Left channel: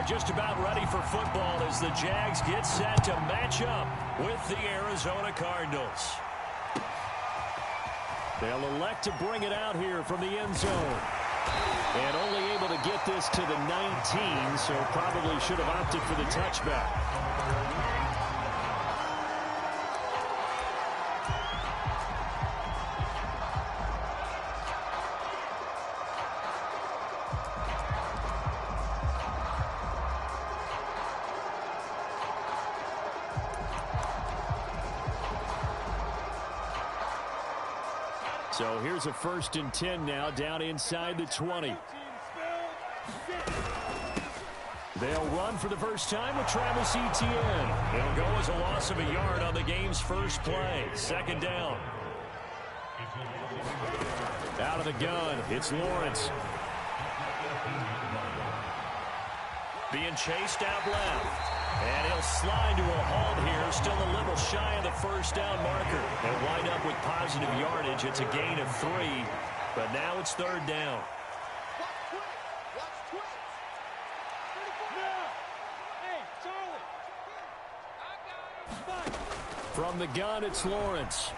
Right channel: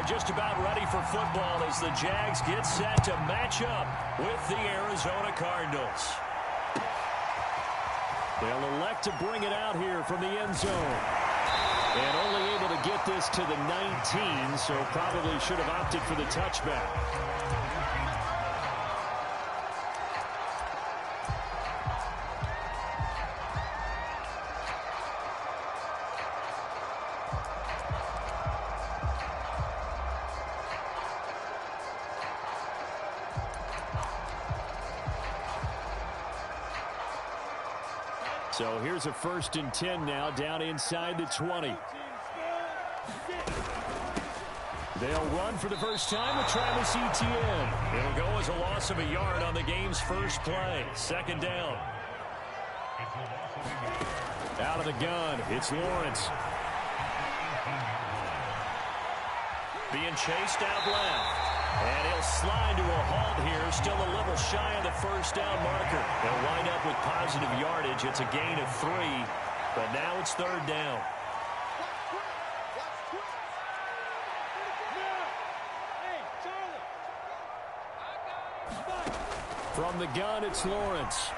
are just about ready for football as the JAX get set to match up with the Arizona Cardinals. They'll elect to bring it out here from the end zone. And only able to get this to the 19, so probably should have opted for the touchback. So here's a 1st and 10 now, down inside the 20. They'll run for the first time with Travis Etienne. It'll go as a loss of a yard on the game's first play. 2nd down. Out of the gun, it's Lawrence. Being chased out left. And he'll slide to a halt here, still a little shy of the 1st down marker. They'll wind up with positive yardage. It's a gain of 3, but now it's 3rd down. From the gun, it's Lawrence.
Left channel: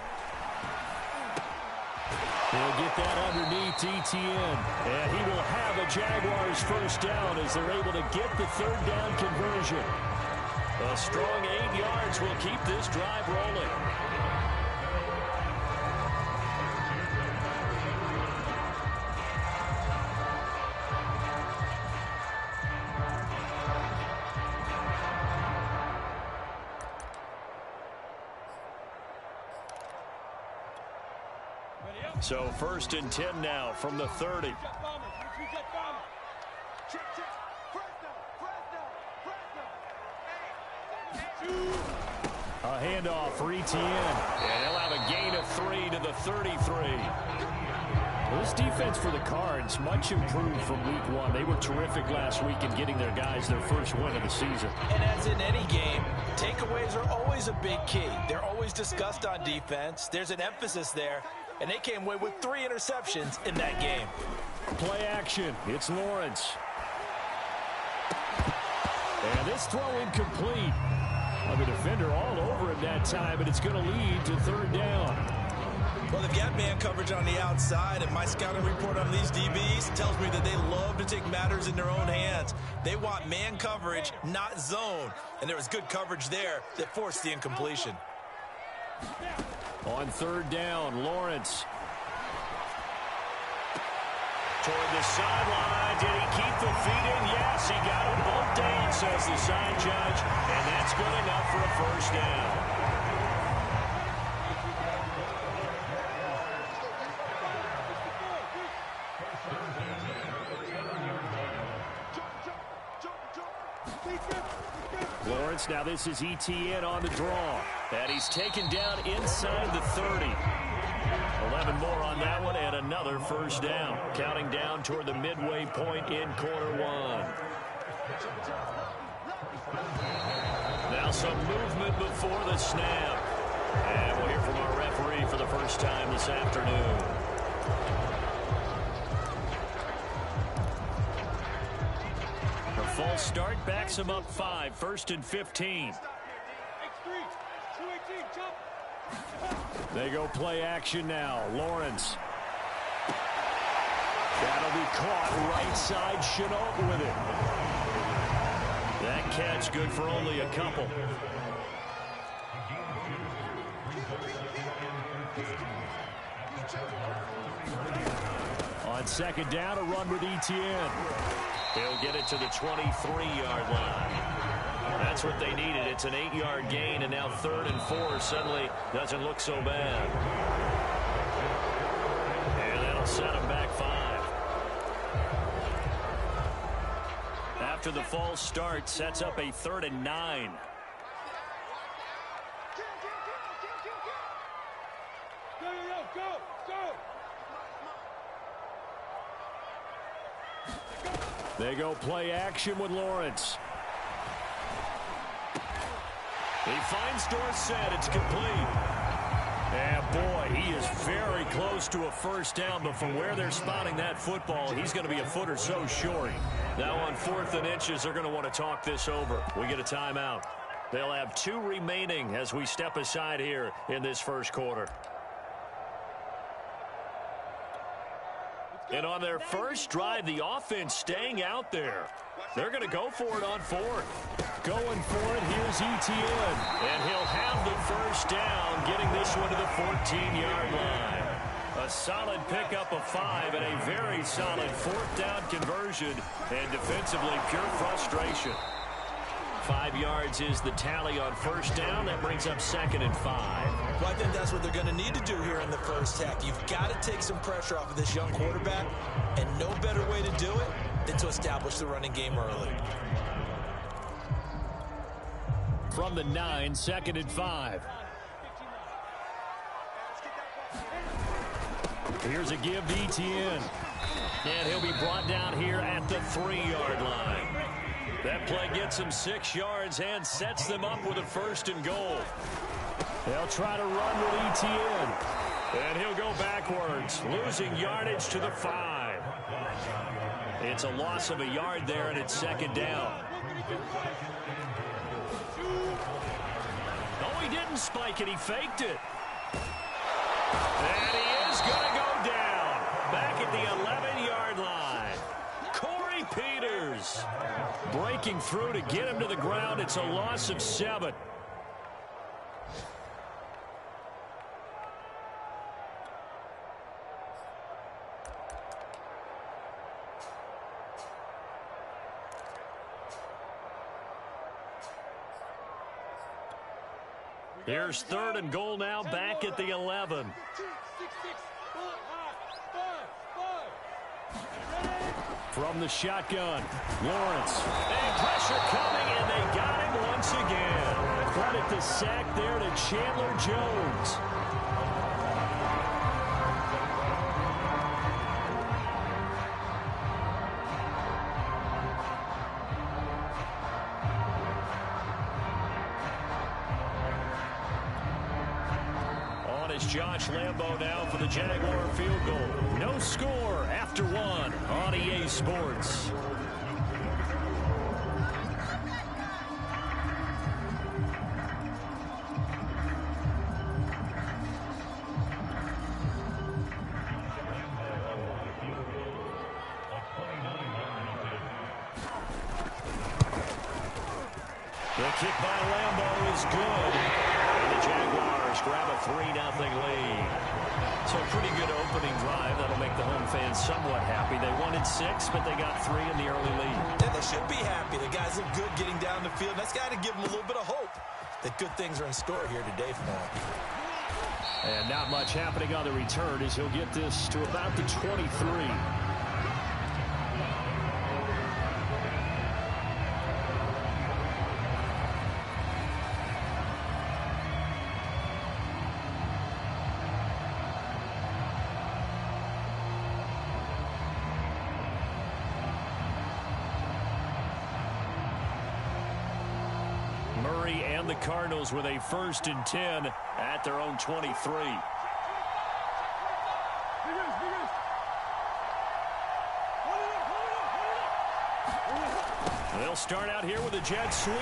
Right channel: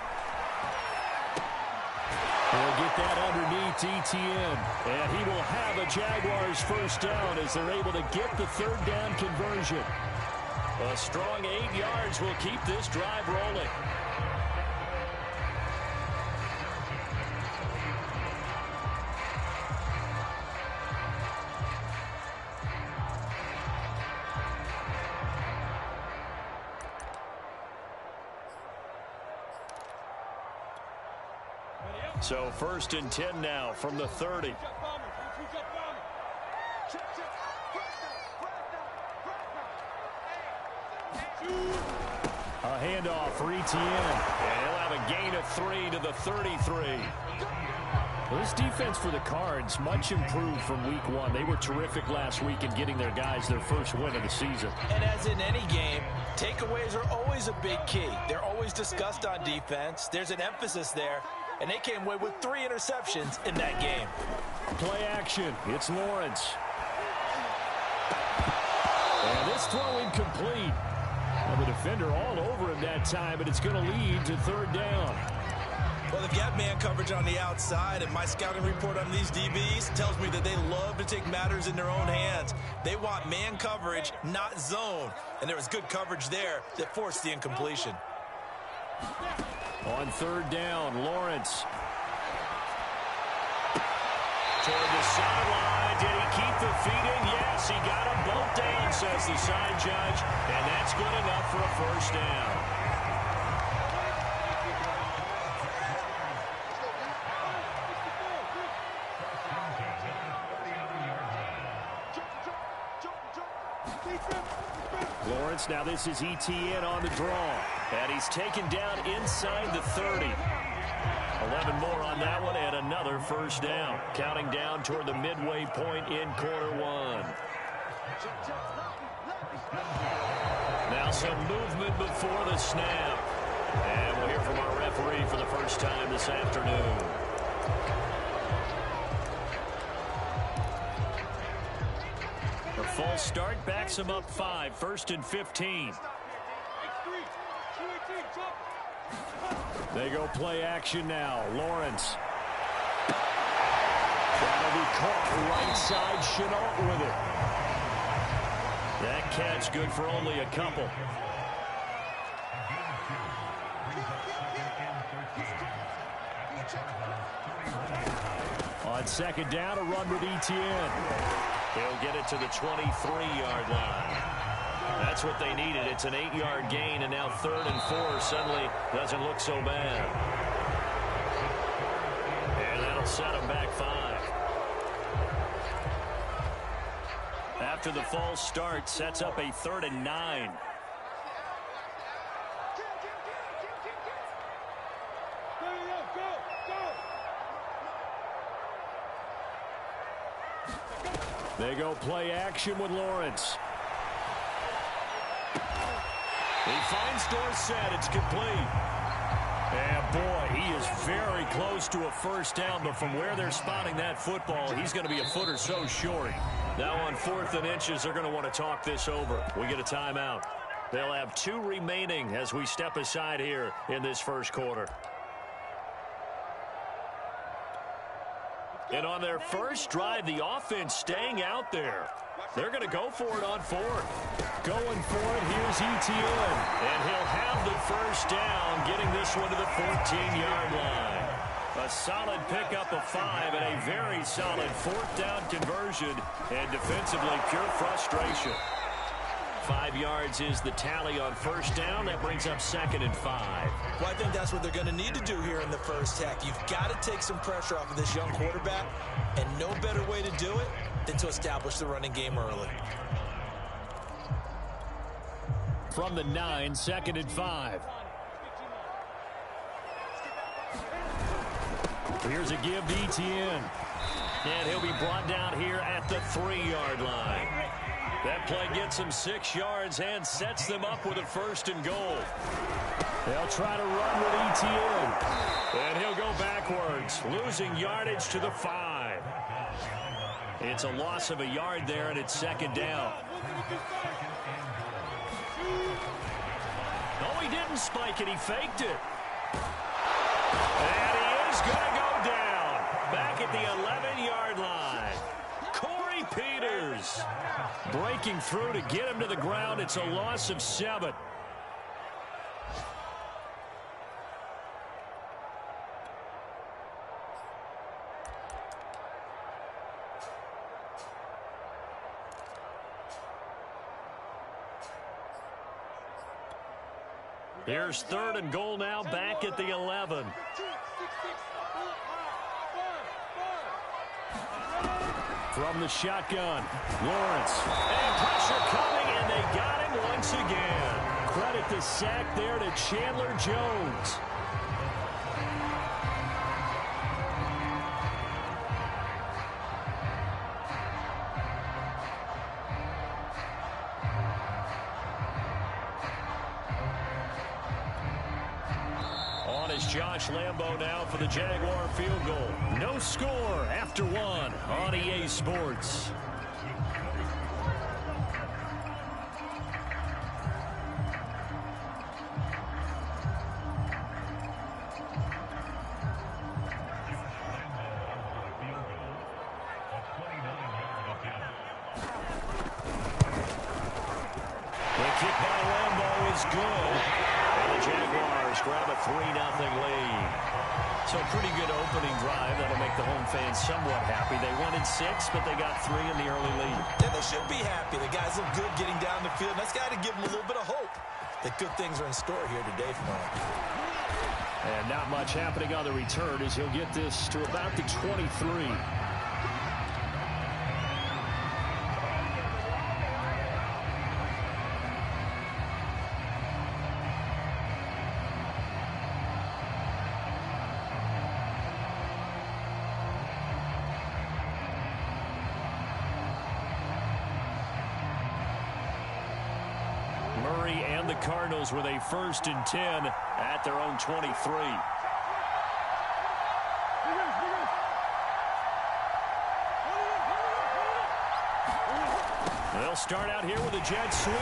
He'll get that underneath Etienne. And he will have a Jaguars 1st down as they're able to get the 3rd down conversion. A strong 8 yards will keep this drive rolling. So 1st and 10 now from the 30. A handoff for Etienne. And he'll have a gain of 3 to the 33. Well, this defense for the Cards much improved from week 1. They were terrific last week in getting their guys their first win of the season. And as in any game, takeaways are always a big key. They're always discussed on defense. There's an emphasis there. And they came away with 3 interceptions in that game. Play action. It's Lawrence. And this throw incomplete. Well, the defender all over him that time, but it's going to lead to 3rd down. Well, they've got man coverage on the outside, and my scouting report on these DBs tells me that they love to take matters in their own hands. They want man coverage, not zone. And there was good coverage there that forced the incompletion. On 3rd down, Lawrence. Toward the sideline. Did he keep the feet in? Yes, he got him both down, says the side judge. And that's good enough for a 1st down. Lawrence, now this is Etienne on the draw. And he's taken down inside the 30. 11 more on that one and another 1st down. Counting down toward the midway point in quarter 1. Now some movement before the snap. And we'll hear from our referee for the first time this afternoon. A false start backs him up 5. 1st and 15. They go play action now. Lawrence. That'll be caught right side. Chenault with it. That catch good for only a couple. On 2nd down, a run with Etienne. He'll get it to the 23-yard line. That's what they needed. It's an 8-yard gain, and now 3rd and 4 suddenly doesn't look so bad. And that'll set them back 5. After the false start, sets up a 3rd and 9. They go play action with Lawrence. He finds Dorsett. It's complete. And boy, he is very close to a 1st down, but from where they're spotting that football, he's going to be a foot or so short. Now on 4th and inches, they're going to want to talk this over. We get a timeout. They'll have 2 remaining as we step aside here in this first quarter. And on their first drive, the offense staying out there. They're going to go for it on 4th. Going for it, here's Etienne. And he'll have the first down, getting this one to the 14-yard line. A solid pickup of 5 and a very solid 4th down conversion. And defensively, pure frustration. 5 yards is the tally on first down. That brings up 2nd and 5. Well, I think that's what they're going to need to do here in the first half. You've got to take some pressure off of this young quarterback, and no better way to do it than to establish the running game early. From the 9, 2nd and 5. Here's a give to Etienne. And he'll be brought down here at the 3-yard line. That play gets him 6 yards and sets them up with a 1st and goal. They'll try to run with Etienne. And he'll go backwards, losing yardage to the 5. It's a loss of a yard there, and it's 2nd down. No, he didn't spike it. He faked it. And he is going to go down back at the 11-yard line. Corey Peters breaking through to get him to the ground. It's a loss of 7. Here's 3rd and goal now, back at the 11. From the shotgun, Lawrence. And pressure coming, and they got him once again. Credit the sack there to Chandler Jones. On is Josh Lambo now for the Jaguar field goal. No score after 1 on EA Sports. The kick by Lambo is good. And the Jaguars grab a 3-0 lead. So a pretty good opening drive. That'll make the home fans somewhat happy. They wanted 6, but they got 3 in the early lead. Yeah, they should be happy. The guys look good getting down the field. That's got to give them a little bit of hope that good things are in store here today for them. And not much happening on the return as he'll get this to about the 23. Murray and the Cardinals with a 1st and 10 at their own 23. They'll start out here with a jet sweep,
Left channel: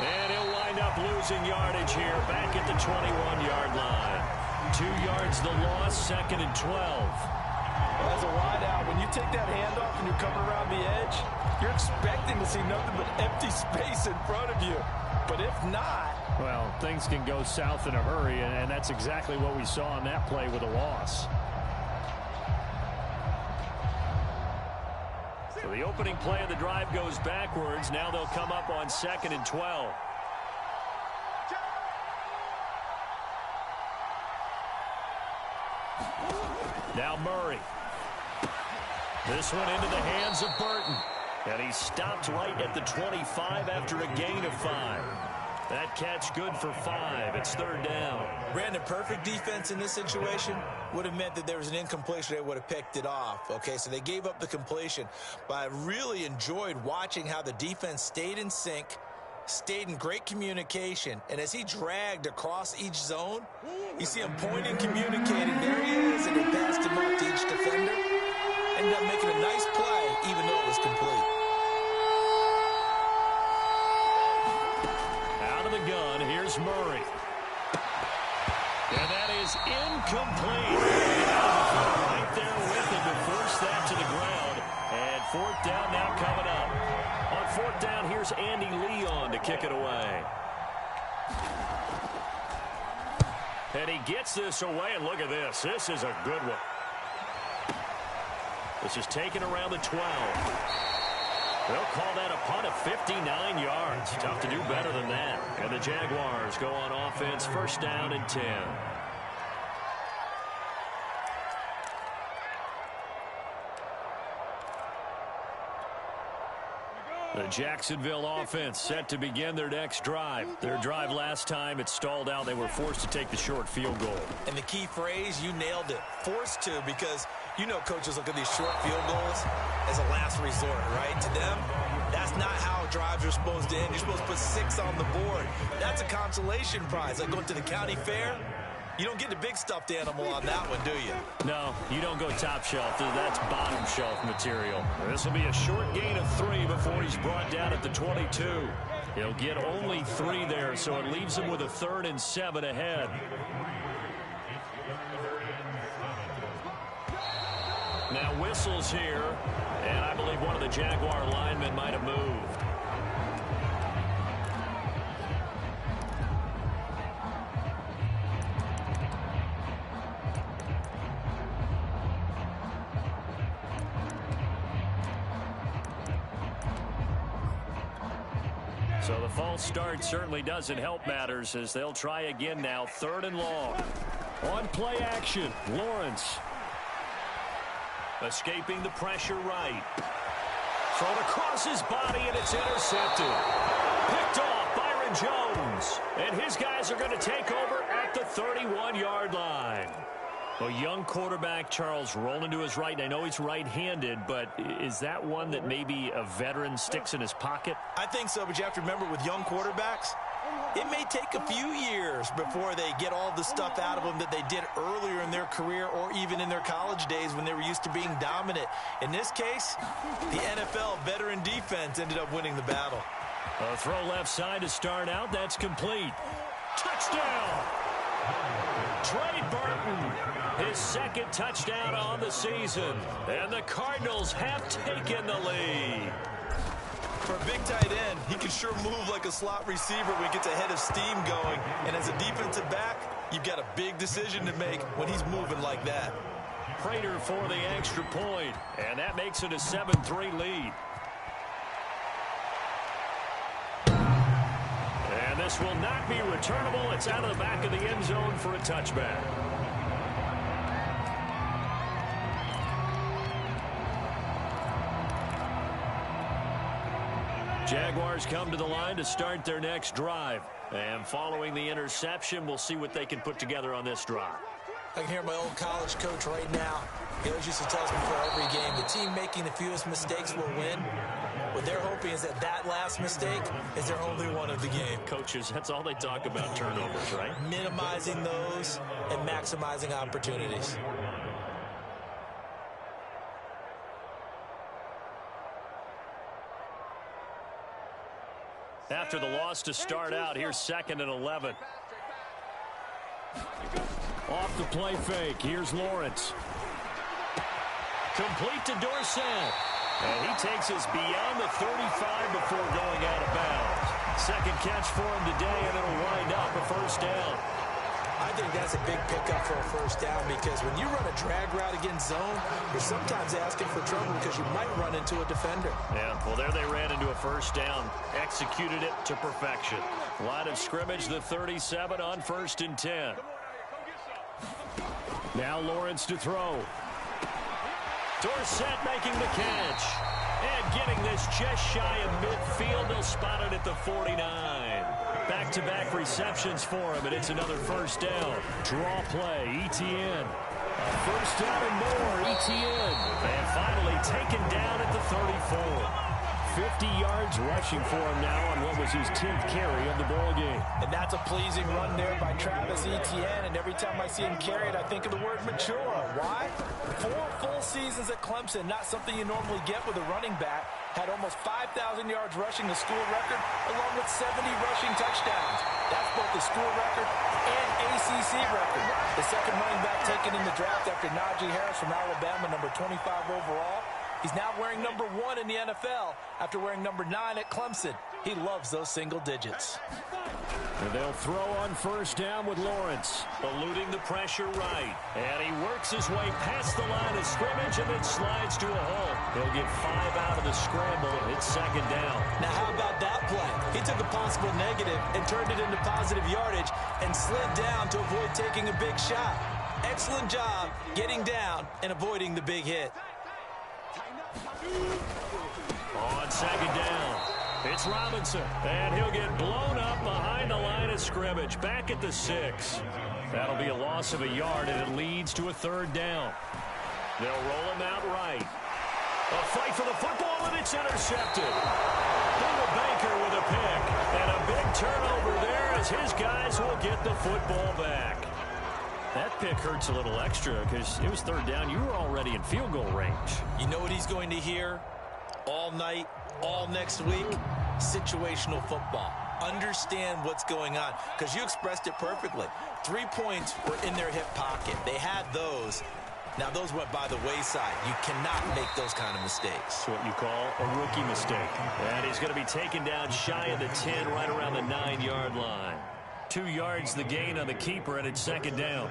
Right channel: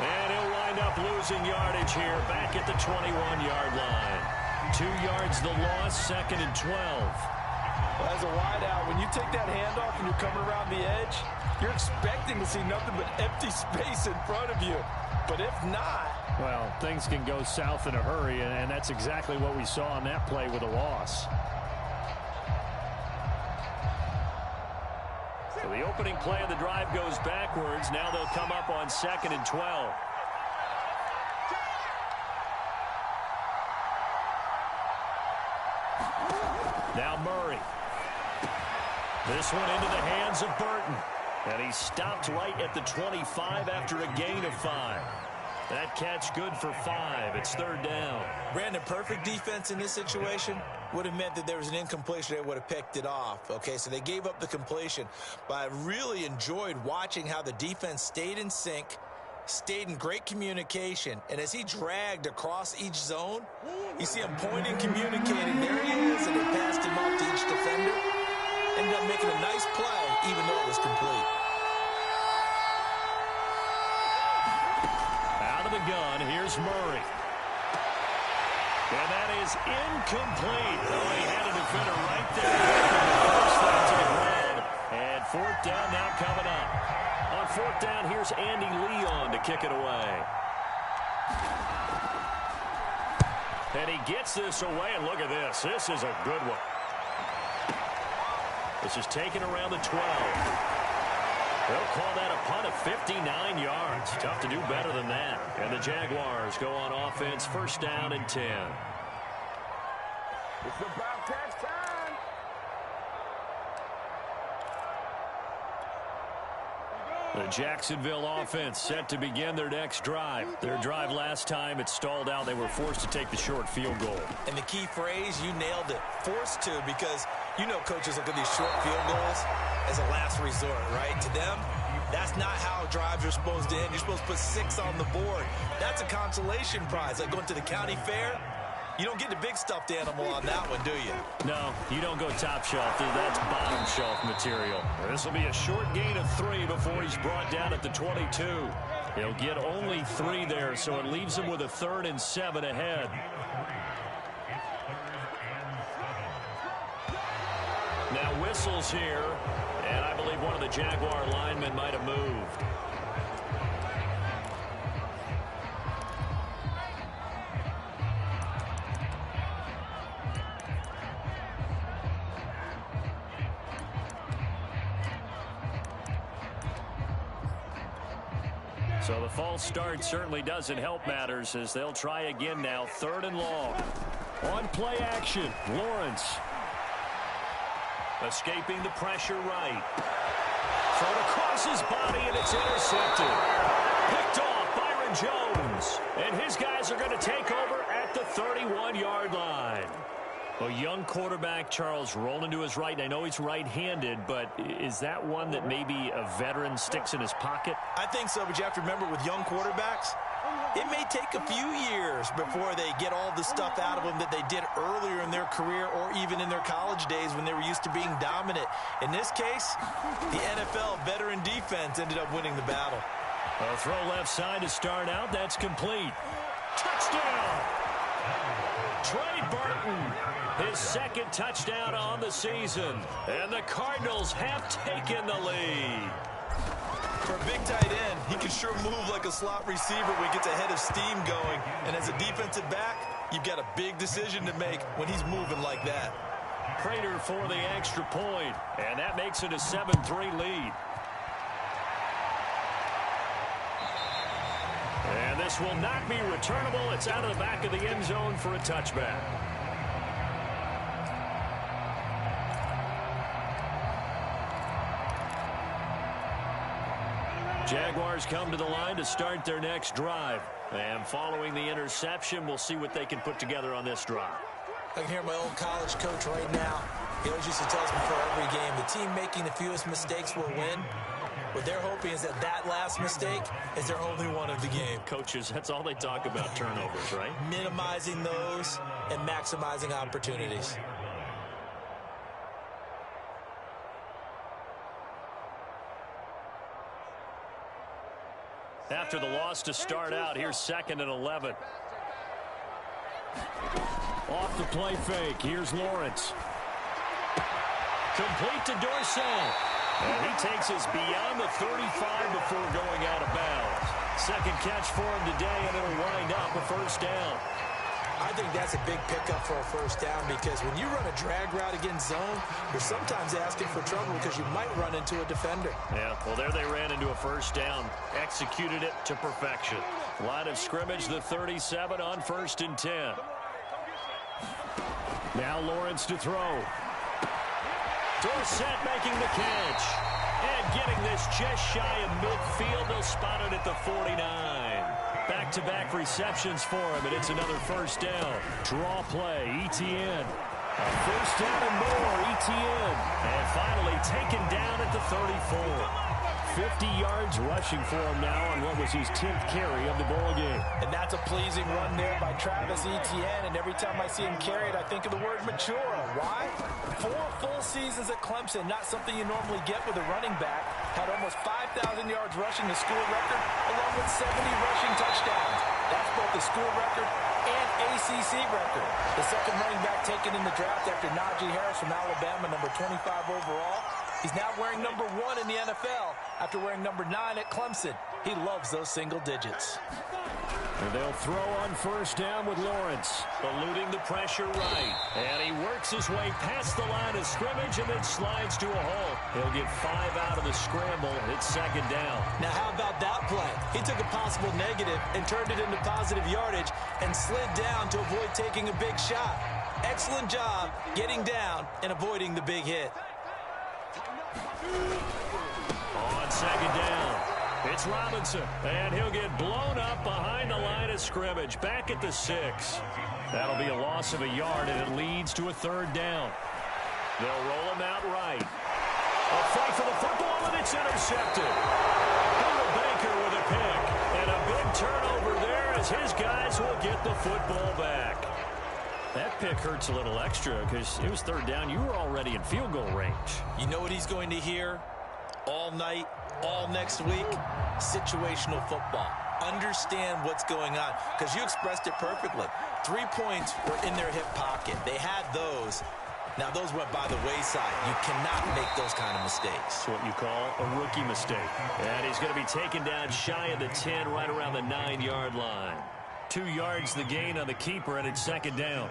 and he'll wind up losing yardage here back at the 21-yard line. 2 yards the loss, 2nd and 12. Well, as a wideout, when you take that handoff and you're coming around the edge, you're expecting to see nothing but empty space in front of you. But if not... Well, things can go south in a hurry, and that's exactly what we saw on that play with a loss. So the opening play of the drive goes backwards. Now they'll come up on 2nd and 12. Now Murray. This one into the hands of Burton. And he stopped right at the 25 after a gain of 5. That catch good for 5. It's 3rd down. Brandon, perfect defense in this situation would have meant that there was an incompletion. They would have picked it off. Okay, so they gave up the completion. But I really enjoyed watching how the defense stayed in sync, stayed in great communication. And as he dragged across each zone, you see him pointing, communicating. There he is, and they passed him off to each defender. Ended up making a nice play, even though it was complete. of the gun. Here's Murray. And that is incomplete. He had a defender right there with him to force that to the ground. And fourth down now coming up. On fourth down, here's Andy Leon to kick it away. And he gets this away, and look at this. This is a good one. This is taken around the 12. They'll call that a punt of 59 yards. Tough to do better than that. And the Jaguars go on offense, first down and 10. The Jacksonville offense set to begin their next drive. Their drive last time, it stalled out. They were forced to take the short field goal. And the key phrase, you nailed it. Forced to, because you know coaches look at these short field goals as a last resort, right? To them, that's not how drives are supposed to end. You're supposed to put 6 on the board. That's a consolation prize. Like going to the county fair, you don't get the big stuffed animal on that one, do you? No, you don't go top shelf. That's bottom shelf material. This will be a short gain of 3 before he's brought down at the 22. He'll get only 3 there, so it leaves him with a 3rd and 7 ahead. Now whistles here, and I believe one of the Jaguar linemen might have moved. So the false start certainly doesn't help matters as they'll try again now, 3rd and long. On play action, Lawrence. Escaping the pressure right. Thrown across his body, and it's intercepted. Picked off Byron Jones. And his guys are going to take over at the 31-yard line. A young quarterback, Charles, rolling to his right. And I know he's right-handed, but is that one that maybe a veteran sticks in his pocket? I think so, but you have to remember with young quarterbacks, it may take a few years before they get all the stuff out of them that they did earlier in their career or even in their college days when they were used to being dominant. In this case, the NFL veteran defense ended up winning the battle. A throw left side to start out. That's complete. Touchdown! Trey Burton, his 2nd touchdown on the season. And the Cardinals have taken the lead. For a big tight end, he can sure move like a slot receiver when he gets a head of steam going. And as a defensive back, you've got a big decision to make when he's moving like that. Prater for the extra point, and that makes it a 7-3 lead. And this will not be returnable. It's out of the back of the end zone for a touchback. Jaguars come to the line to start their next drive. And following the interception, we'll see what they can put together on this drive. I can hear my old college coach right now. He always used to tell us before every game, the team making the fewest mistakes will win. What they're hoping is that last mistake is their only one of the game. Coaches, that's all they talk about, turnovers, right? Minimizing those and maximizing opportunities. After the loss to start out, here's 2nd and 11. Off the play fake, here's Lawrence. Complete to Dorsett. And he takes us beyond the 35 before going out of bounds. 2nd catch for him today, and it'll wind up a first down. I think that's a big pickup for a first down because when you run a drag route against zone, you're sometimes asking for trouble because you might run into a defender. Yeah, well, there they ran into a first down. Executed it to perfection. Line of scrimmage, the 37 on 1st and 10. Now Lawrence to throw. Dorsett making the catch. And getting this just shy of midfield. They'll spot it at the 49. Back-to-back receptions for him, and it's another first down. Draw play, Etienne. A first down and more, Etienne. And finally taken down at the 34. 50 yards rushing for him now on what was his 10th carry of the ball game. And that's a pleasing run there by Travis Etienne. And every time I see him carry it, I think of the word mature. Why? 4 full seasons at Clemson, not something you normally get with a running back. Had almost 5,000 yards rushing, the school record, along with 70 rushing touchdowns. That's both the school record and ACC record. The second running back taken in the draft after Najee Harris from Alabama, number 25 overall. He's now wearing number 1 in the NFL after wearing number 9 at Clemson. He loves those single digits. And they'll throw on first down with Lawrence, eluding the pressure right. And he works his way past the line of scrimmage and then slides to a hole. He'll get 5 out of the scramble. It's second down. Now, how about that play? He took a possible negative and turned it into positive yardage and slid down to avoid taking a big shot. Excellent job getting down and avoiding the big hit. On second down, it's Robinson, and he'll get blown up behind the line of scrimmage, back at the 6. That'll be a loss of a yard, and it leads to a third down. They'll roll him out right. A fight for the football, and it's intercepted. Buda Baker with a pick, and a big turnover there as his guys will get the football back. That pick hurts a little extra because it was third down. You were already in field goal range. You know what he's going to hear all night, all next week? Situational football. Understand what's going on, because you expressed it perfectly. 3 points were in their hip pocket. They had those. Now, those went by the wayside. You cannot make those kind of mistakes. It's what you call a rookie mistake. And he's going to be taken down shy of the 10, right around the 9-yard line. 2 yards the gain on the keeper, and it's second down.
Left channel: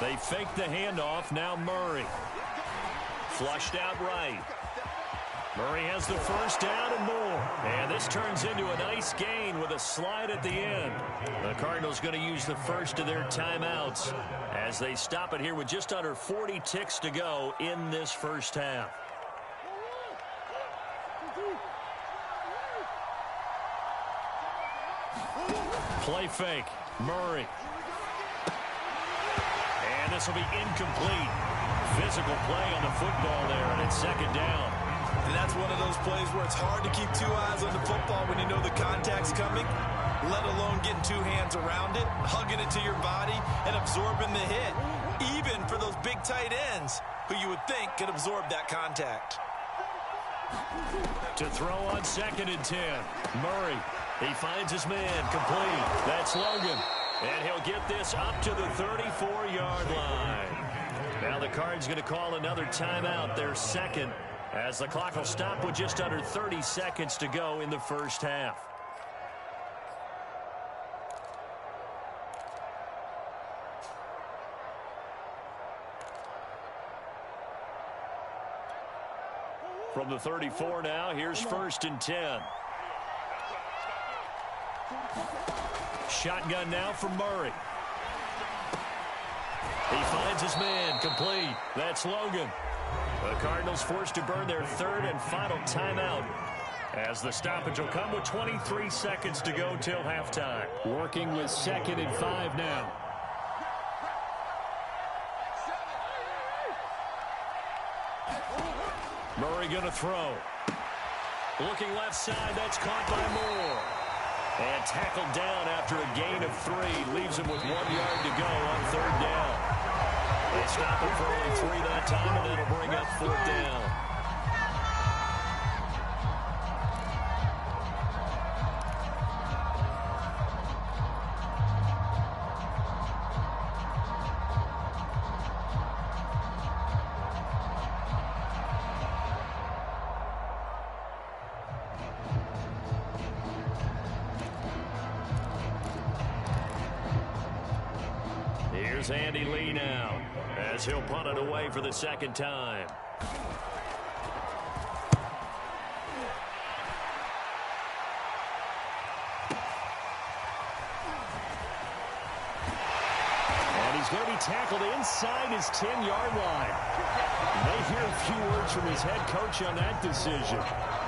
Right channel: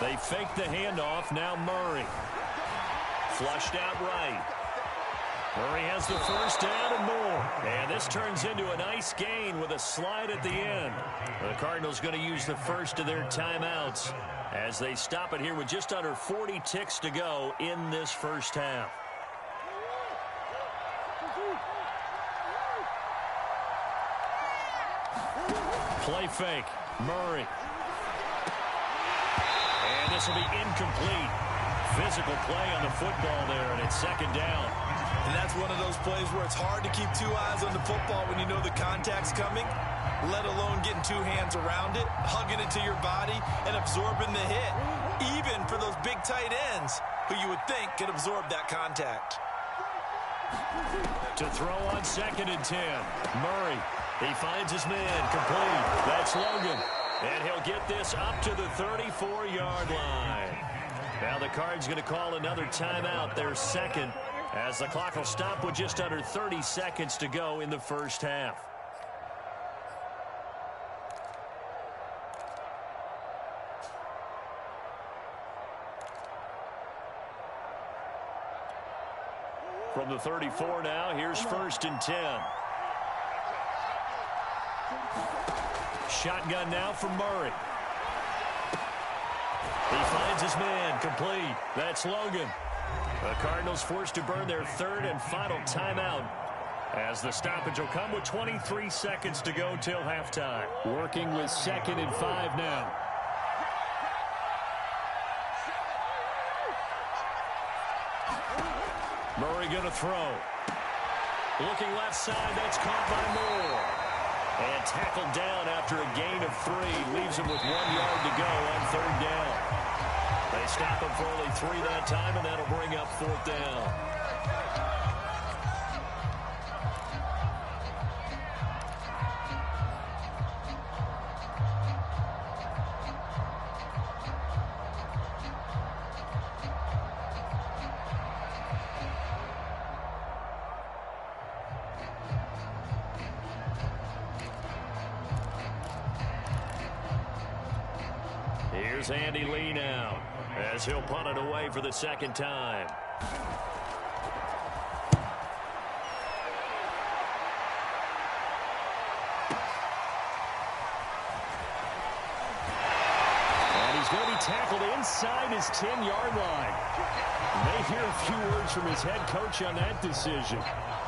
They fake the handoff. Now Murray. Flushed out right. Murray has the first down and more. And this turns into a nice gain with a slide at the end. The Cardinals going to use the first of their timeouts as they stop it here with just under 40 ticks to go in this first half. Play fake. Murray. And this will be incomplete. Physical play on the football there, and it's second down. And that's one of those plays where it's hard to keep 2 eyes on the football when you know the contact's coming, let alone getting 2 hands around it, hugging it to your body, and absorbing the hit, even for those big tight ends who you would think could absorb that contact. To throw on second and 10. Murray, he finds his man, complete. That's Logan. And he'll get this up to the 34-yard line. Now the Cards going to call another timeout, their second, as the clock will stop with just under 30 seconds to go in the first half. From the 34 now, here's first and 10. Shotgun now for Murray. He finds his man, complete. That's Logan. The Cardinals forced to burn their third and final timeout as the stoppage will come with 23 seconds to go till halftime. Working with second and 5 now. Murray going to throw. Looking left side, that's caught by Moore. And tackled down after a gain of 3. Leaves him with 1 yard to go on third down. They stop him for only 3 that time, and that'll bring up fourth down. Here's Andy Lee now, as he'll punt it away for the second time. And he's going to be tackled inside his 10-yard line. You may hear a few words from his head coach on that decision.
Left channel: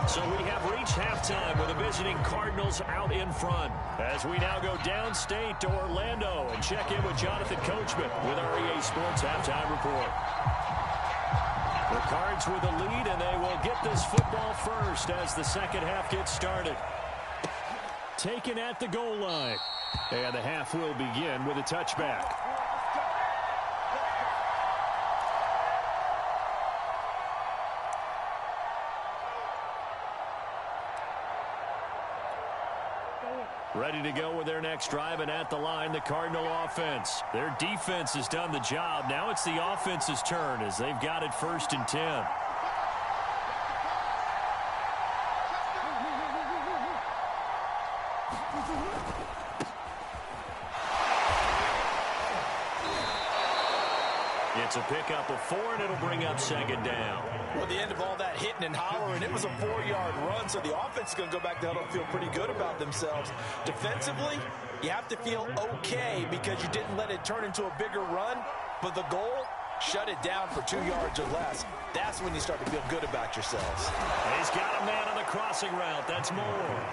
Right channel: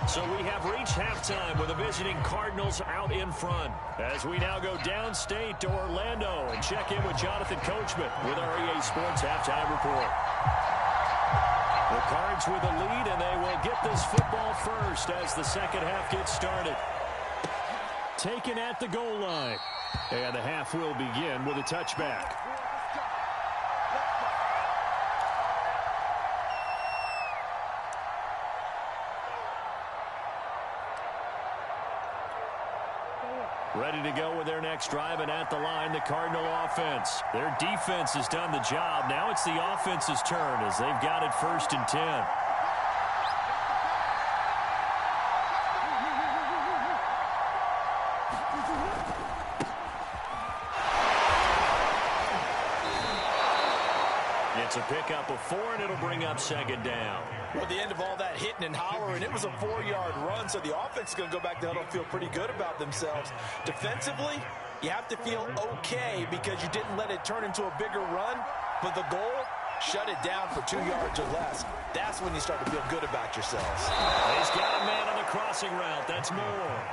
So we have reached halftime with the visiting Cardinals out in front. As we now go downstate to Orlando and check in with Jonathan Coachman with our EA Sports Halftime Report. The Cards with a lead, and they will get this football first as the second half gets started. Taken at the goal line. And the half will begin with a touchback. Ready to go with their next drive, and at the line, the Cardinal offense. Their defense has done the job. Now it's the offense's turn as they've got it 1st and 10. It's a pickup of 4, and it'll bring up 2nd down. Well, at the end of all that hitting and hollering, it was a 4-yard run, so the offense is going to go back to huddle and feel pretty good about themselves. Defensively, you have to feel okay because you didn't let it turn into a bigger run, but the goal, shut it down for 2 yards or less. That's when you start to feel good about yourselves. He's got a man on the crossing route. That's Moore.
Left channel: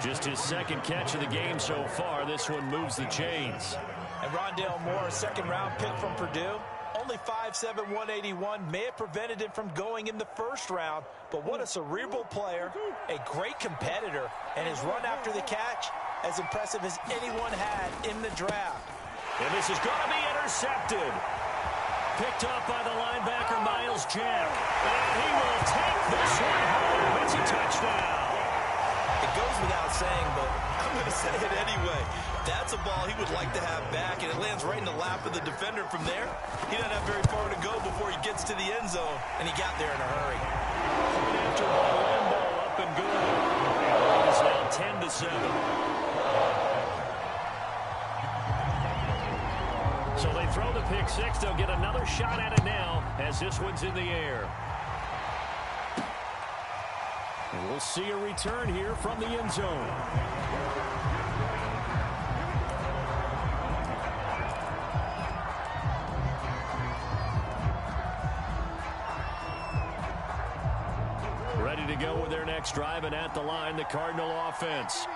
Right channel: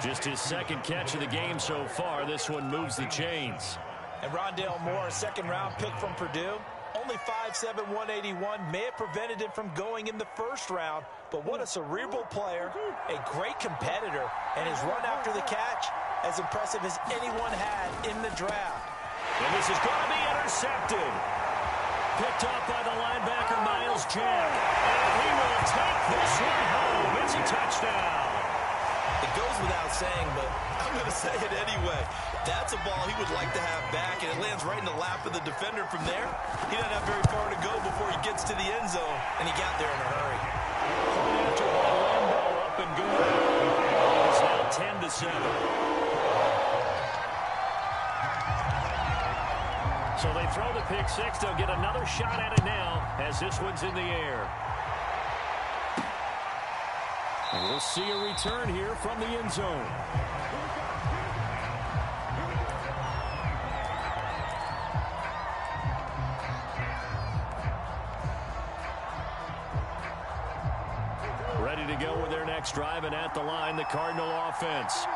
Just his 2nd catch of the game so far. This one moves the chains. And Rondale Moore, a 2nd-round pick from Purdue. Only 5'7", 181, may have prevented him from going in the 1st round, but what a cerebral player, a great competitor, and his run after the catch as impressive as anyone had in the draft. And this is going to be intercepted. Picked off by the linebacker, Miles Jack, and he will take this one home. It's a touchdown. It goes without saying, but I'm going to say it anyway. That's a ball he would like to have back, and it lands right in the lap of the defender from there. He doesn't have very far to go before he gets to the end zone, and he got there in a hurry. Point after by Lambeau, up and good. And the lead is now 10-7. So they throw the pick 6. They'll get another shot at it now as this one's in the air. And we'll see a return here from the end zone. Ready to go with their next drive, and at the line, the Cardinal offense.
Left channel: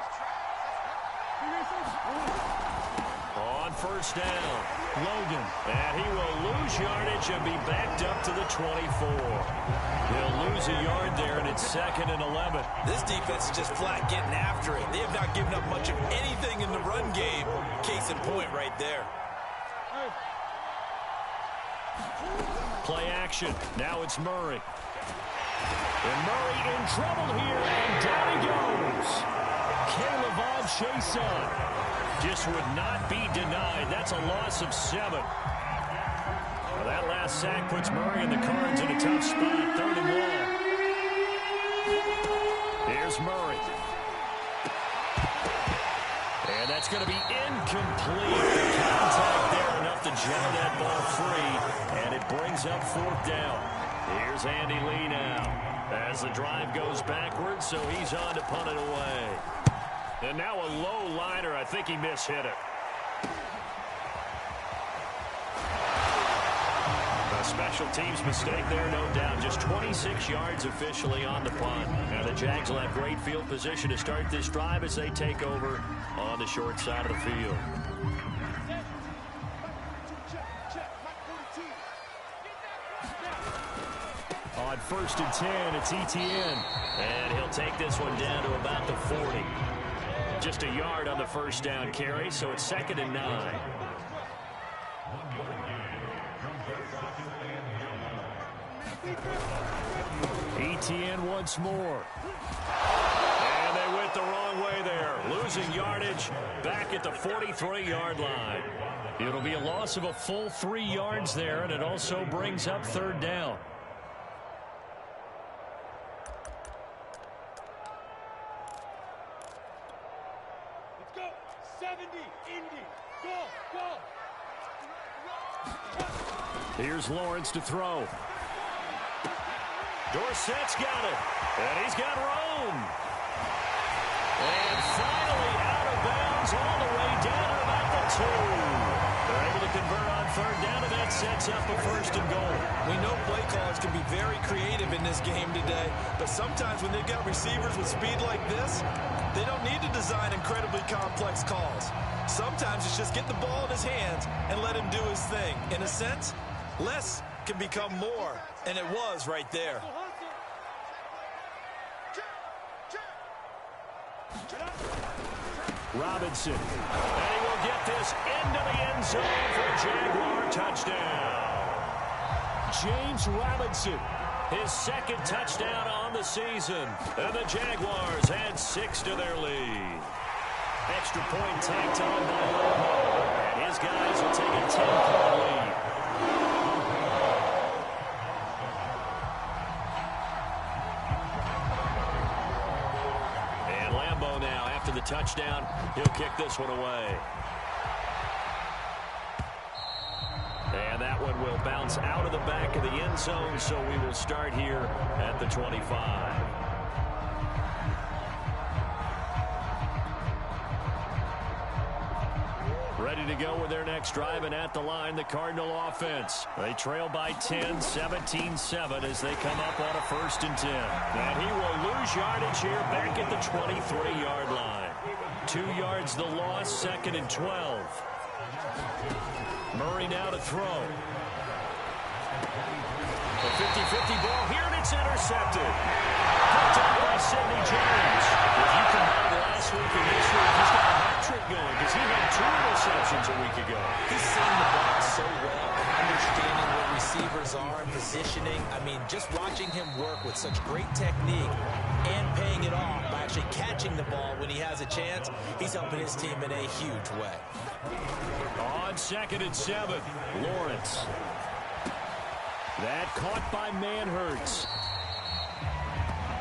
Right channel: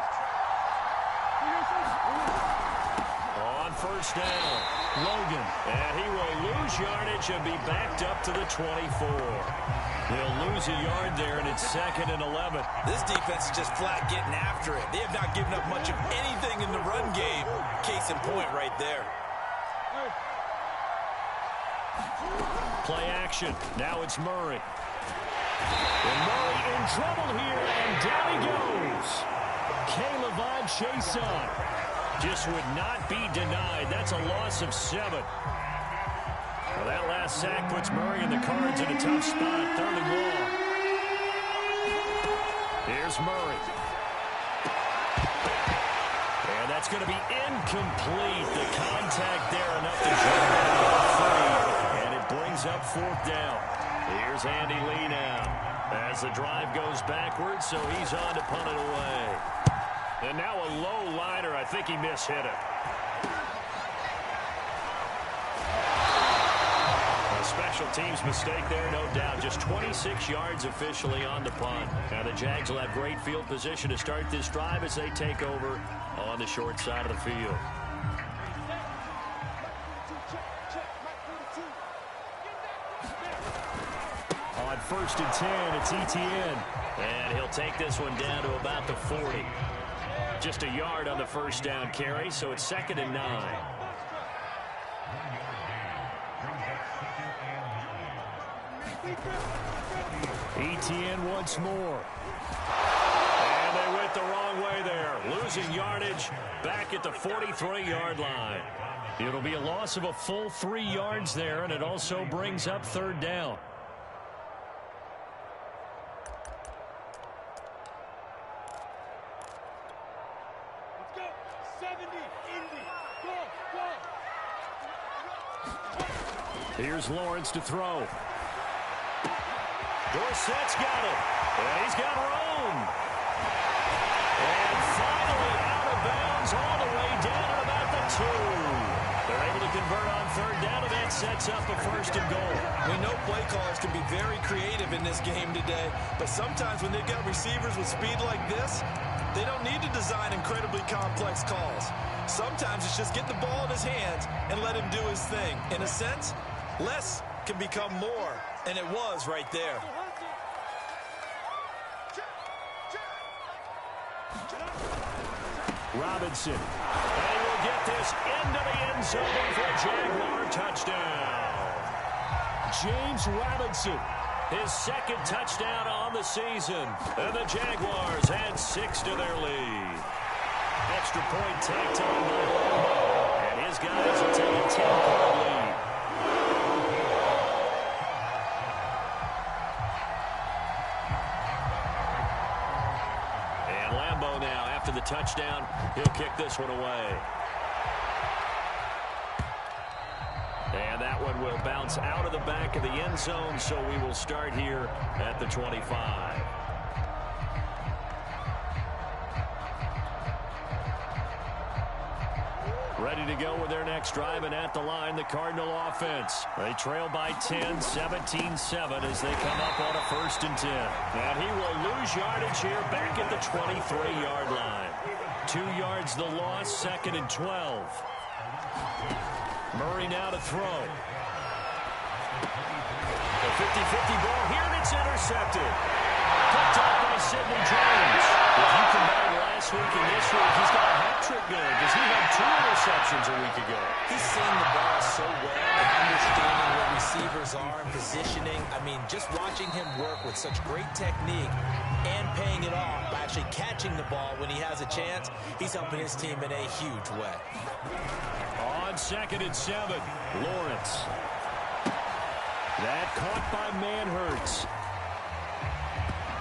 On 1st down, Logan. And he will lose yardage and be backed up to the 24. He'll lose a yard there, and it's 2nd and 11. This defense is just flat getting after it. They have not given up much of anything in the run game. Case in point right there. Play action. Now it's Murray. And Murray in trouble here, and down he goes. Caleb Chason just would not be denied. That's a loss of 7. Well, that last sack puts Murray and the Cards in a tough spot. 3rd and long. Here's Murray. And that's going to be incomplete. The contact there enough to draw that ball free. And it brings up 4th down. Here's Andy Lee now as the drive goes backwards, so he's on to punt it away. And now a low liner. I think he mishit it. A special teams mistake there, no doubt. Just 26 yards officially on the punt. Now the Jags will have great field position to start this drive as they take over on the short side of the field. On 1st and 10, it's Etienne. And he'll take this one down to about the 40. Just a yard on the 1st down carry, so it's 2nd and 9. Etienne once more. And they went the wrong way there. Losing yardage back at the 43-yard line. It'll be a loss of a full 3 yards there, and it also brings up 3rd down. Let's go. 70, Indy. Go, go. Here's Lawrence to throw. Dorsett's got it. And he's got Rome. And finally out of bounds all the way down at about the 2. They're able to convert on third down, and that sets up a 1st and goal. We know play callers can be very creative in this game today, but sometimes when they've got receivers with speed like this, they don't need to design incredibly complex calls. Sometimes it's just get the ball in his hands and let him do his thing. In a sense, less can become more, and it was right there. Robinson, and he will get this into the end zone for a Jaguar touchdown. James Robinson, his 2nd touchdown on the season, and the Jaguars add 6 to their lead. Extra point tacked on by Lambeau, and his guys will take a 10-point lead. And Lambeau now, after the touchdown, he'll kick this one away. And that one will bounce out of the back of the end zone, so we will start here at the 25. Ready to go with their next drive, and at the line, the Cardinal offense. They trail by 10, 17-7 as they come up on a 1st and 10. And he will lose yardage here back at the 23-yard line. 2 yards the loss, 2nd and 12. Murray now to throw. A 50-50 ball here, and it's intercepted. Picked up by Sidney Jones. If you combine last week and this week, he's got a hat trick going because he had 2 interceptions a week ago. He's seeing the ball so well and understanding where receivers are and positioning. I mean, just watching him work with such great technique and paying it off by actually catching the ball when he has a chance, he's helping his team in a huge way. On 2nd and 7, Lawrence. That caught by Manhertz.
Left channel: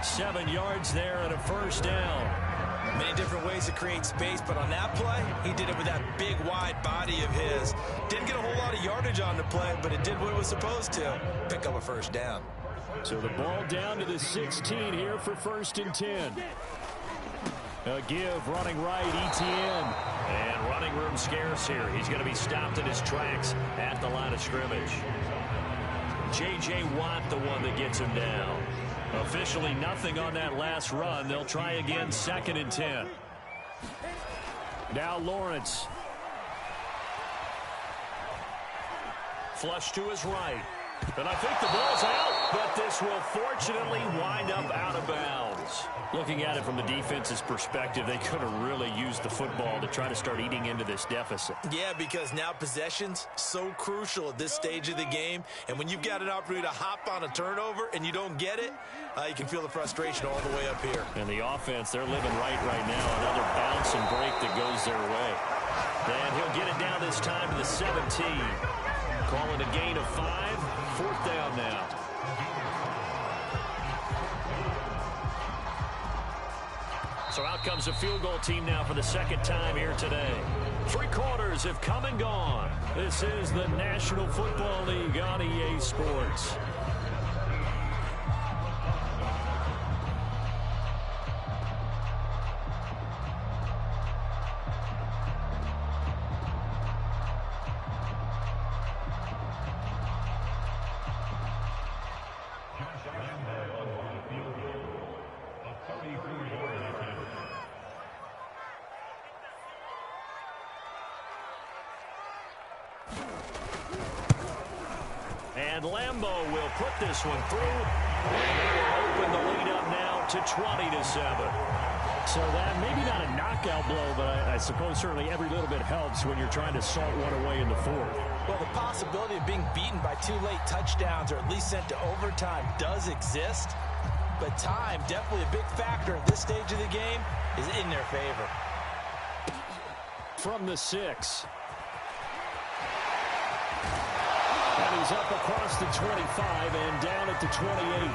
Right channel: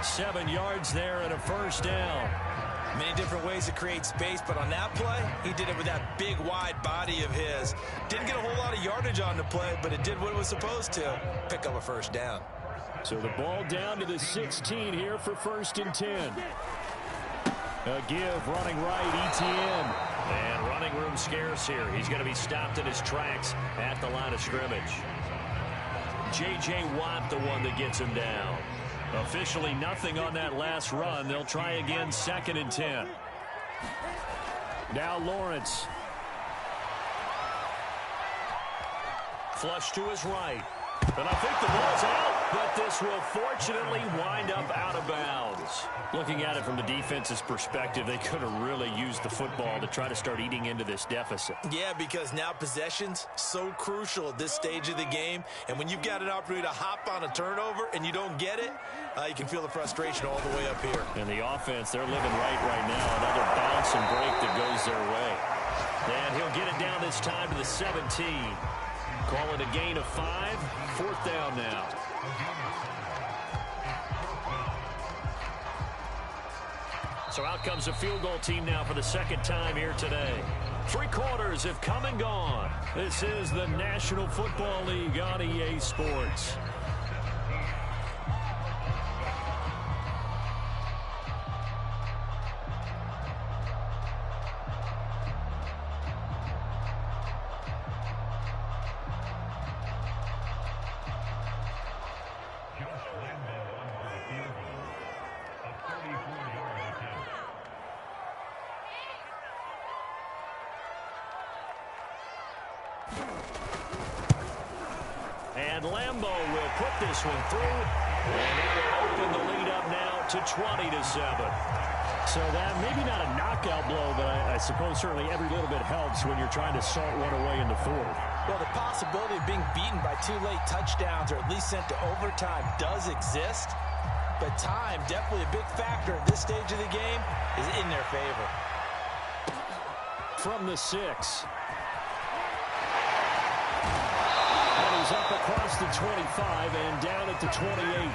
7 yards there and a 1st down. Many different ways to create space, but on that play, he did it with that big, wide body of his. Didn't get a whole lot of yardage on the play, but it did what it was supposed to. Pick up a 1st down. So the ball down to the 16 here for 1st and 10. A give running right, ETN. And running room scarce here. He's going to be stopped in his tracks at the line of scrimmage. J.J. Watt, the one that gets him down. Officially nothing on that last run. They'll try again, 2nd and 10. Now Lawrence. Flush to his right. And I think the ball's out, but this will fortunately wind up out of bounds. Looking at it from the defense's perspective, they could have really used the football to try to start eating into this deficit. Yeah, because now possession's so crucial at this stage of the game. And when you've got an opportunity to hop on a turnover and you don't get it, you can feel the frustration all the way up here. And the offense, they're living right now. Another bounce and break that goes their way. And he'll get it down this time to the 17. Calling a gain of 5, 4th down now. So out comes a field goal team now for the 2nd time here today. 3 quarters have come and gone. This is the National Football League on EA Sports. And Lambeau will put this one through, and that will open the lead up now to 20-7. So that maybe not a knockout blow, but I suppose certainly every little bit helps when you're trying to salt one away in the 4th. Well, the possibility of being beaten by 2 late touchdowns or at least sent to overtime does exist, but time, definitely a big factor at this stage of the game, is in their favor. From the 6. And he's up across the 25 and down at the 28.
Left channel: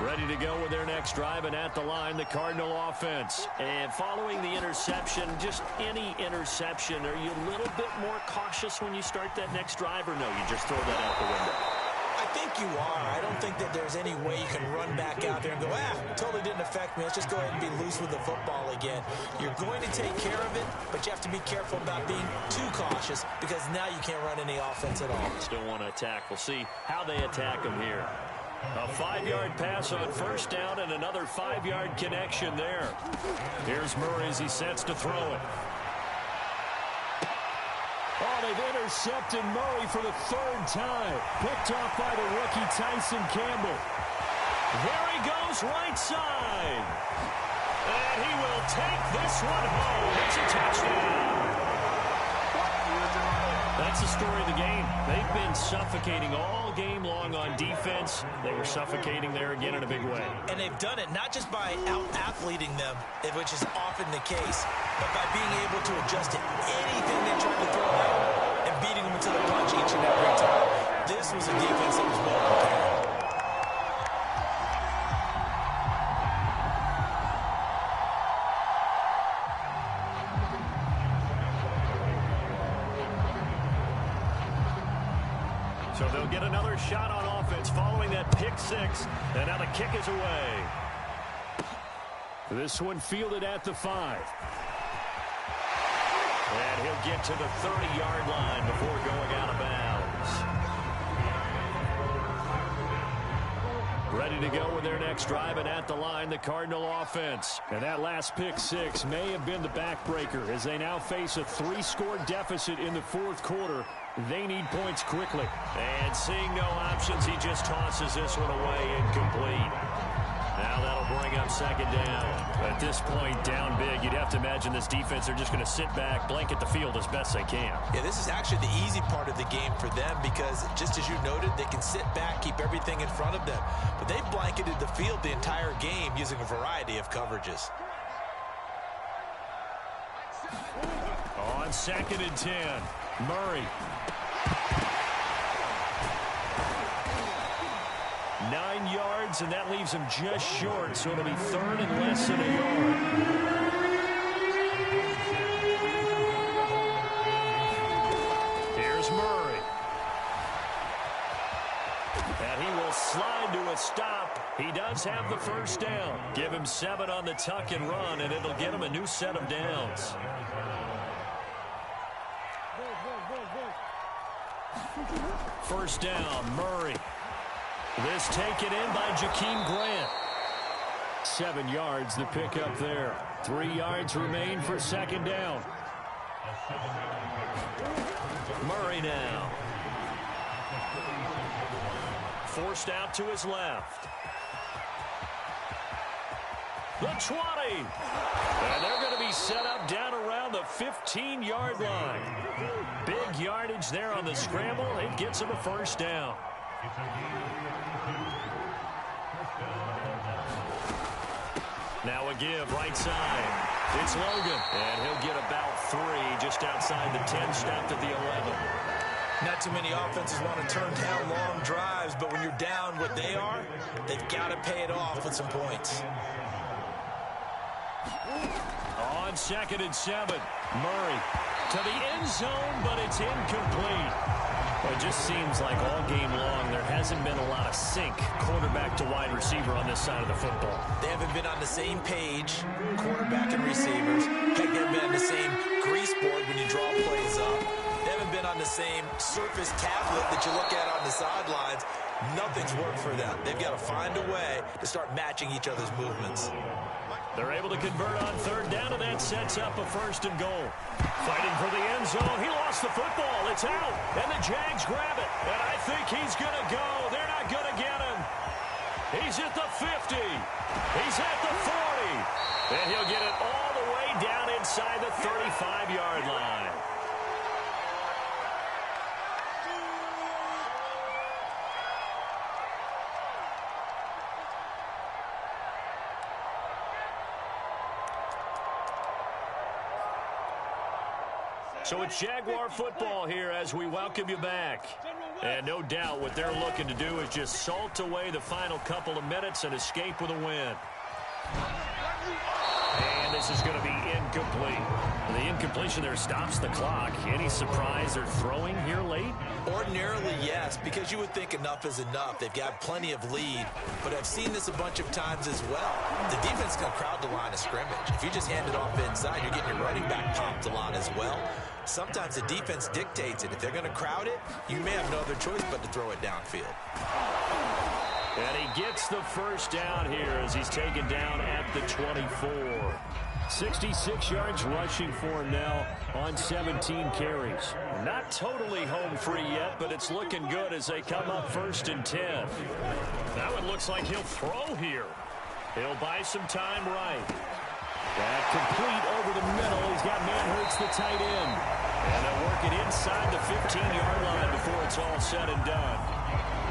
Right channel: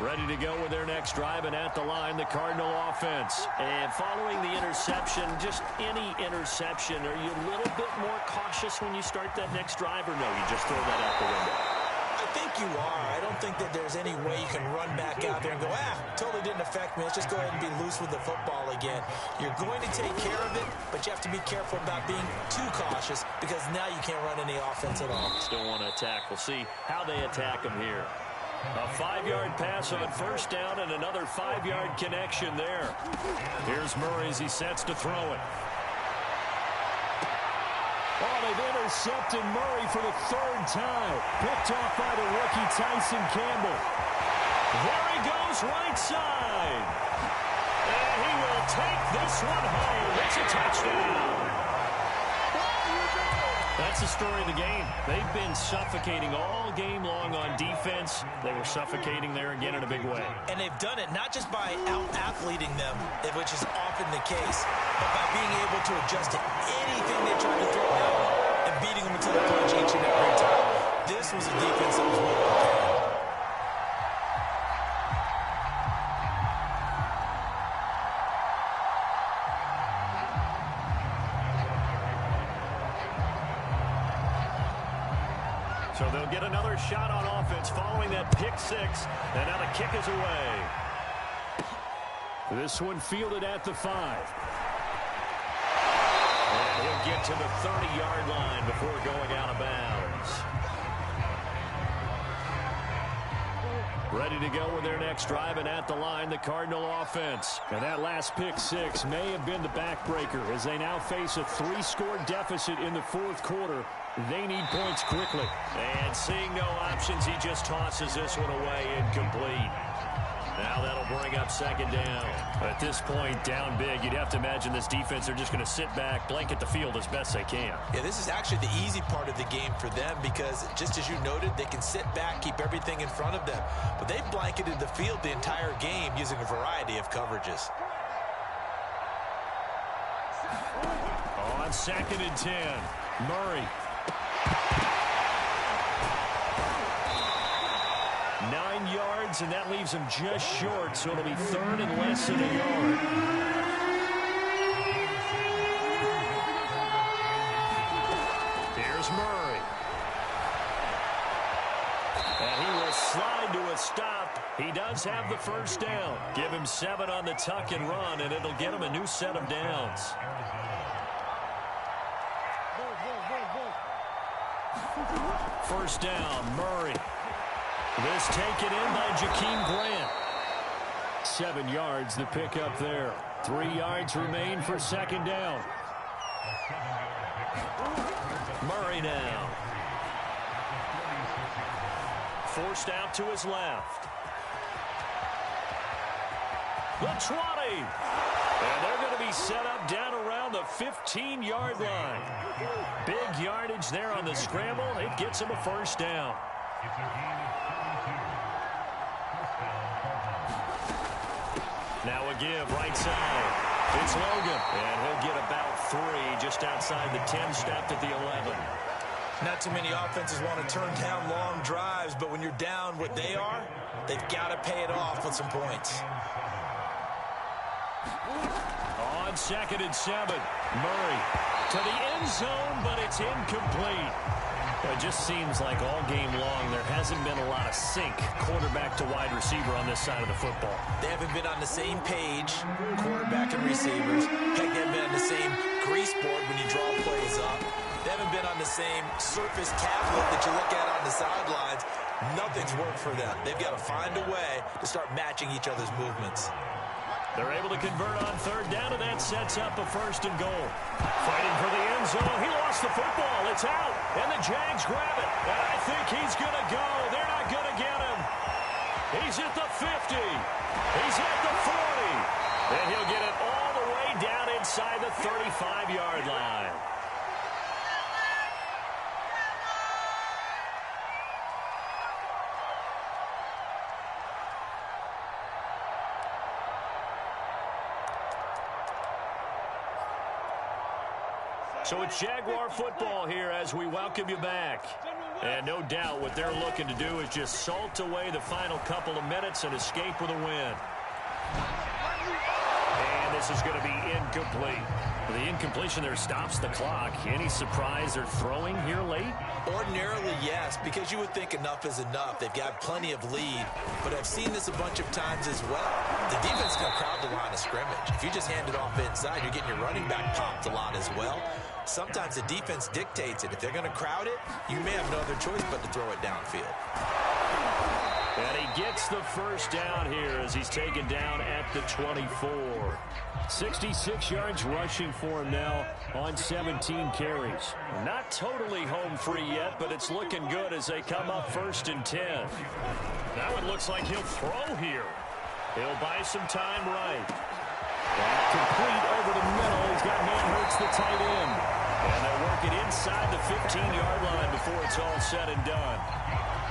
Ready to go with their next drive, and at the line, the Cardinal offense. And following the interception, just any interception, are you a little bit more cautious when you start that next drive, or no, you just throw that out the window? I think you are. I don't think that there's any way you can run back out there and go, totally didn't affect me. Let's just go ahead and be loose with the football again. You're going to take care of it, but you have to be careful about being too cautious because now you can't run any offense at all. Still want to attack. We'll see how they attack him here. A 5-yard pass on first down and another 5-yard connection there. Here's Murray as he sets to throw it. Oh, they've intercepted Murray for the 3rd time. Picked off by the rookie Tyson Campbell. There he goes right side. And he will take this one home. It's a touchdown. That's the story of the game. They've been suffocating all game long on defense. They were suffocating there again in a big way. And they've done it not just by out-athleting them, which is often the case, but by being able to adjust to anything they tried to throw out and beating them until the punch each and every time. This was a defense that was well prepared. So they'll get another shot on offense following that pick 6. And now the kick is away. This one fielded at the 5. And he'll get to the 30-yard line before going out of bounds. Ready to go with their next drive, and at the line, the Cardinal offense. And that last pick 6 may have been the backbreaker as they now face a 3-score deficit in the 4th quarter. They need points quickly. And seeing no options, he just tosses this one away incomplete. Now that'll bring up 2nd down. At this point, down big, you'd have to imagine this defense are just going to sit back, blanket the field as best they can. Yeah, this is actually the easy part of the game for them because, just as you noted, they can sit back, keep everything in front of them. But they've blanketed the field the entire game using a variety of coverages. On 2nd and 10, Murray. 9 yards, and that leaves him just short, so it'll be 3rd and less than a yard. Here's Murray. And he will slide to a stop. He does have the 1st down. Give him 7 on the tuck and run, and it'll get him a new set of downs. First down, Murray. This taken in by Jakeem Grant. 7 yards, the pickup there. 3 yards remain for 2nd down. Murray now. Forced out to his left. The 20. And they're going to be set up down around the 15-yard line. Big yardage there on the scramble. It gets him a 1st down. Now a give right side. It's Logan. And he'll get about 3 just outside the 10, stopped at the 11. Not too many offenses want to turn down long drives, but when you're down what they are, they've got to pay it off with some points. On 2nd and 7, Murray to the end zone, but it's incomplete. Well, it just seems like all game long there hasn't been a lot of sync quarterback to wide receiver on this side of the football. They haven't been on the same page, quarterback and receivers. Heck, they haven't been on the same grease board when you draw plays up. They haven't been on the same surface tablet that you look at on the sidelines. Nothing's worked for them. They've got to find a way to start matching each other's movements. They're able to convert on 3rd down, and that sets up a 1st and goal. Fighting for the end zone. He lost the football. It's out, and the Jags grab it. And I think he's going to go. They're not going to get him. He's at the 50. He's at the 40. And he'll get it all the way down inside the 35-yard line. So it's Jaguar football here as we welcome you back. And no doubt what they're looking to do is just salt away the final couple of minutes and escape with a win. And this is going to be incomplete. The incompletion there stops the clock. Any surprise they're throwing here late? Ordinarily, yes, because you would think enough is enough. They've got plenty of lead, but I've seen this a bunch of times as well. The defense is going to crowd the line of scrimmage. If you just hand it off inside, you're getting your running back popped a lot as well. Sometimes the defense dictates it. If they're going to crowd it, you may have no other choice but to throw it downfield. And he gets the first down here as he's taken down at the 24. 66 yards rushing for him now on 17 carries. Not totally home free yet, but it's looking good as they come up 1st and 10. Now it looks like he'll throw here. He'll buy some time right. That complete over the middle. He's got Manhurts, the tight end. And they'll work it inside the 15-yard line before it's all said and done.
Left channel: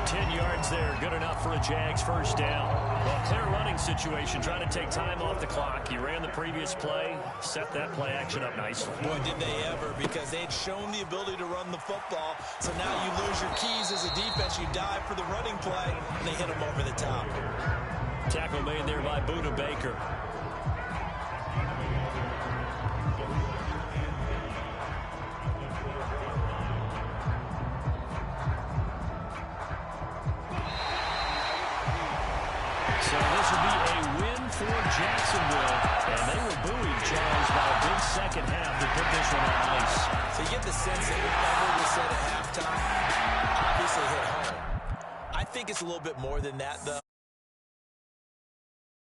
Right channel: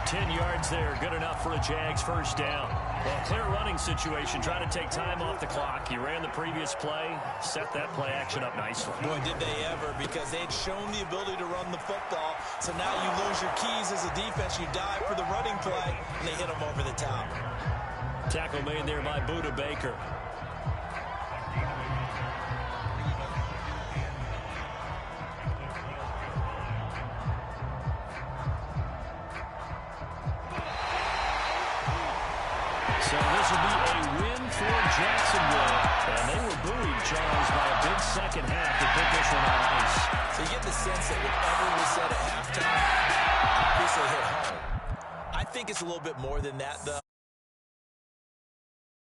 10 yards there, good enough for a JAX first down. Well, clear running situation, trying to take time off the clock. He ran the previous play, set that play action up nicely. Boy, did they ever, because they had shown the ability to run the football. So now you lose your keys as a defense. You dive for the running play, and they hit them over the top. Tackle made there by Buda Baker. So this will be a win for Jacksonville. And they were buoyed, Charles, by a big second half to put this one on ice. So you get the sense that whatever was said at halftime obviously hit home. I think it's a little bit more than that, though.